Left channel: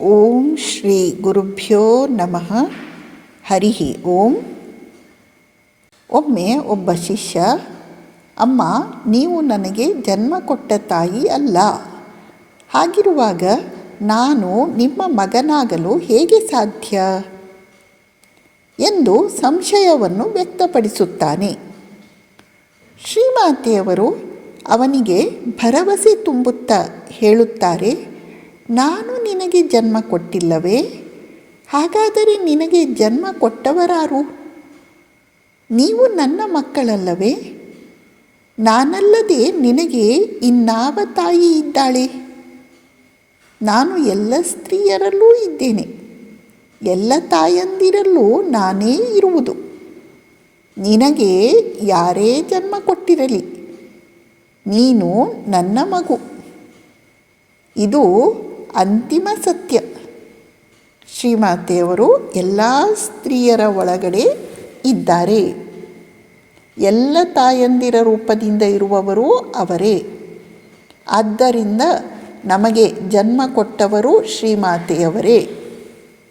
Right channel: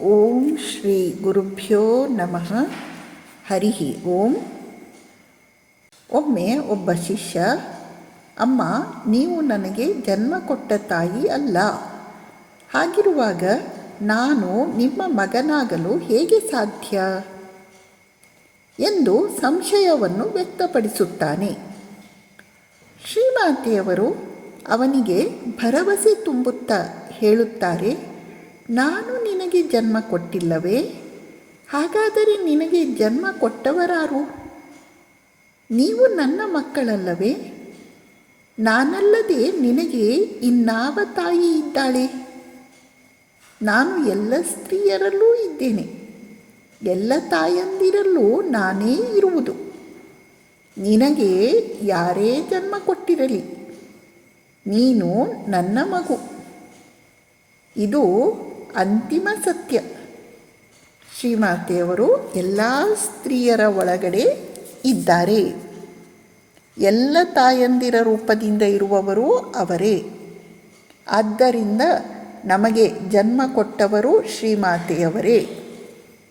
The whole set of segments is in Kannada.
ಓಂ ಶ್ರೀ ಗುರುಭ್ಯೋ ನಮಃ. ಹರಿ ಓಂ. ಒಮ್ಮೆ ಒಬ್ಬ ಶಿಷ್ಯ, ಅಮ್ಮ, ನೀವು ನನಗೆ ಜನ್ಮ ಕೊಟ್ಟ ತಾಯಿ ಅಲ್ಲ, ಹಾಗಿರುವಾಗ ನಾನು ನಿಮ್ಮ ಮಗನಾಗಲು ಹೇಗೆ ಸಾಧ್ಯ ಎಂದು ಸಂಶಯವನ್ನು ವ್ಯಕ್ತಪಡಿಸುತ್ತಾನೆ. ಶ್ರೀಮಾತೆಯವರು ಅವನಿಗೆ ಭರವಸೆ ತುಂಬುತ್ತಾ ಹೇಳುತ್ತಾರೆ, ನಾನು ನಿನಗೆ ಜನ್ಮ ಕೊಟ್ಟಿಲ್ಲವೇ? ಹಾಗಾದರೆ ನಿನಗೆ ಜನ್ಮ ಕೊಟ್ಟವರಾರು? ನೀವು ನನ್ನ ಮಕ್ಕಳಲ್ಲವೇ? ನಾನಲ್ಲದೆ ನಿನಗೆ ಇನ್ನಾವ ತಾಯಿ ಇದ್ದಾಳೆ? ನಾನು ಎಲ್ಲ ಸ್ತ್ರೀಯರಲ್ಲೂ ಇದ್ದೇನೆ, ಎಲ್ಲ ತಾಯಂದಿರಲ್ಲೂ ನಾನೇ ಇರುವುದು. ನಿನಗೆ ಯಾರೇ ಜನ್ಮ ಕೊಟ್ಟಿರಲಿ, ನೀನು ನನ್ನ ಮಗು. ಇದು ಅಂತಿಮ ಸತ್ಯ. ಶ್ರೀಮಾತೆಯವರು ಎಲ್ಲ ಸ್ತ್ರೀಯರ ಒಳಗಡೆ ಇದ್ದಾರೆ. ಎಲ್ಲ ತಾಯಂದಿರ ರೂಪದಿಂದ ಇರುವವರು ಅವರೇ. ಆದ್ದರಿಂದ ನಮಗೆ ಜನ್ಮ ಕೊಟ್ಟವರು ಶ್ರೀಮಾತೆಯವರೇ.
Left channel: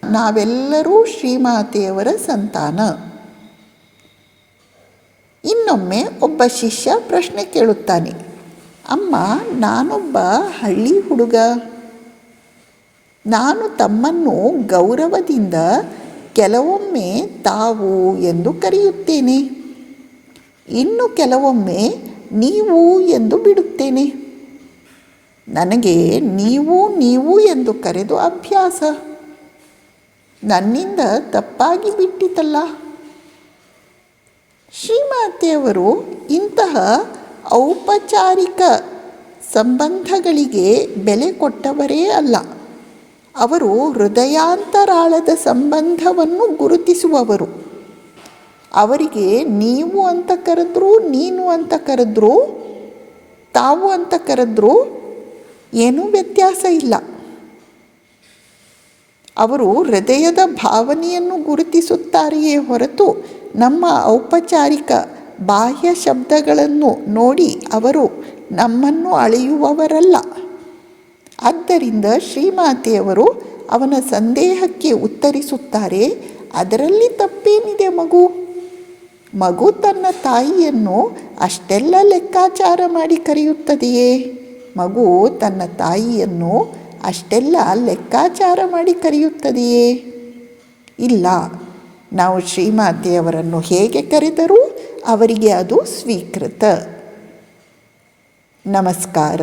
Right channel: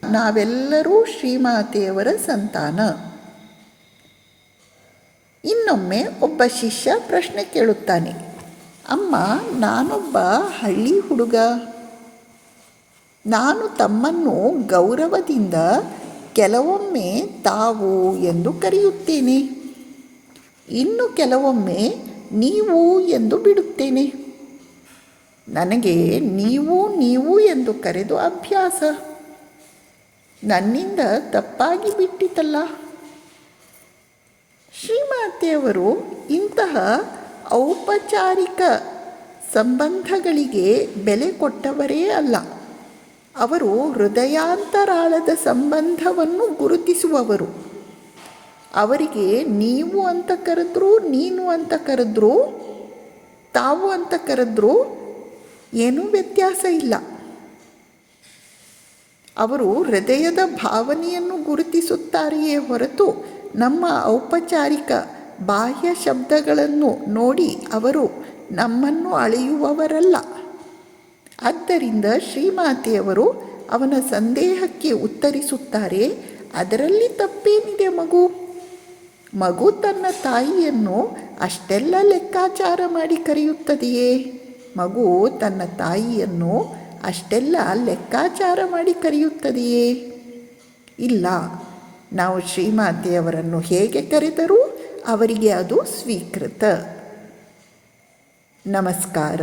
ನಾವೆಲ್ಲರೂ ಶ್ರೀಮಾತೆಯವರ ಸಂತಾನ. ಇನ್ನೊಮ್ಮೆ ಒಬ್ಬ ಶಿಷ್ಯ ಪ್ರಶ್ನೆ ಕೇಳುತ್ತಾನೆ, ಅಮ್ಮ, ನಾನೊಬ್ಬ ಹಳ್ಳಿ ಹುಡುಗ. ನಾನು ತಮ್ಮನ್ನು ಗೌರವದಿಂದ ಕೆಲವೊಮ್ಮೆ ತಾವು ಎಂದು ಕರೆಯುತ್ತೇನೆ, ಇನ್ನು ಕೆಲವೊಮ್ಮೆ ನೀವು ಎಂದು ಬಿಡುತ್ತೇನೆ. ನನಗೆ ನೀವು ಎಂದು ಕರೆದು ಅಭ್ಯಾಸ. ನನ್ನಿಂದ ತಪ್ಪಾಗಿ ಬಿಟ್ಟಿತಲ್ಲ. ಶ್ರೀಮಾತೆಯವರು ಇಂತಹ ಔಪಚಾರಿಕ ಸಂಬಂಧಗಳಿಗೆ ಬೆಲೆ ಕೊಟ್ಟವರೇ ಅಲ್ಲ. ಅವರು ಹೃದಯಾಂತರಾಳದ ಸಂಬಂಧವನ್ನು ಗುರುತಿಸುವವರು. ಅವರಿಗೆ ನೀವು ಅಂತ ಕರೆದ್ರು, ನೀನು ಅಂತ ಕರೆದ್ರು, ತಾವು ಅಂತ ಕರೆದ್ರು ಏನೂ ವ್ಯತ್ಯಾಸ ಇಲ್ಲ. ಅವರು ಹೃದಯದ ಭಾವನೆಯನ್ನು ಗುರುತಿಸುತ್ತಾರೆಯೇ ಹೊರತು ನಮ್ಮ ಔಪಚಾರಿಕ ಬಾಹ್ಯ ಶಬ್ದಗಳನ್ನು ನೋಡಿ ಅವರು ನಮ್ಮನ್ನು ಅಳೆಯುವವರಲ್ಲ. ಆದ್ದರಿಂದ ಶ್ರೀಮಾತೆಯವರು ಅವನ ಸಂದೇಹಕ್ಕೆ ಉತ್ತರಿಸುತ್ತಾರೆ, ಅದರಲ್ಲಿ ತಪ್ಪೇನಿದೆ ಮಗು ತನ್ನ ತಾಯಿಯನ್ನು ಅಷ್ಟೆಲ್ಲ ಲೆಕ್ಕಾಚಾರ ಮಾಡಿ ಕರೆಯುತ್ತದೆಯೇ? ಮಗು ತನ್ನ ತಾಯಿಯನ್ನು ಅಷ್ಟೆಲ್ಲ ಲೆಕ್ಕಾಚಾರ ಮಾಡಿ ಕರೆಯುತ್ತದೆಯೇ? ಇಲ್ಲ. ನಾವು ಶ್ರೀಮಾತೆಯವರನ್ನು ಹೇಗೆ ಕರೆದರೂ ಅವರಿಗೆ ಅದು ಸ್ವೀಕೃತ. ನಮಸ್ಕಾರ.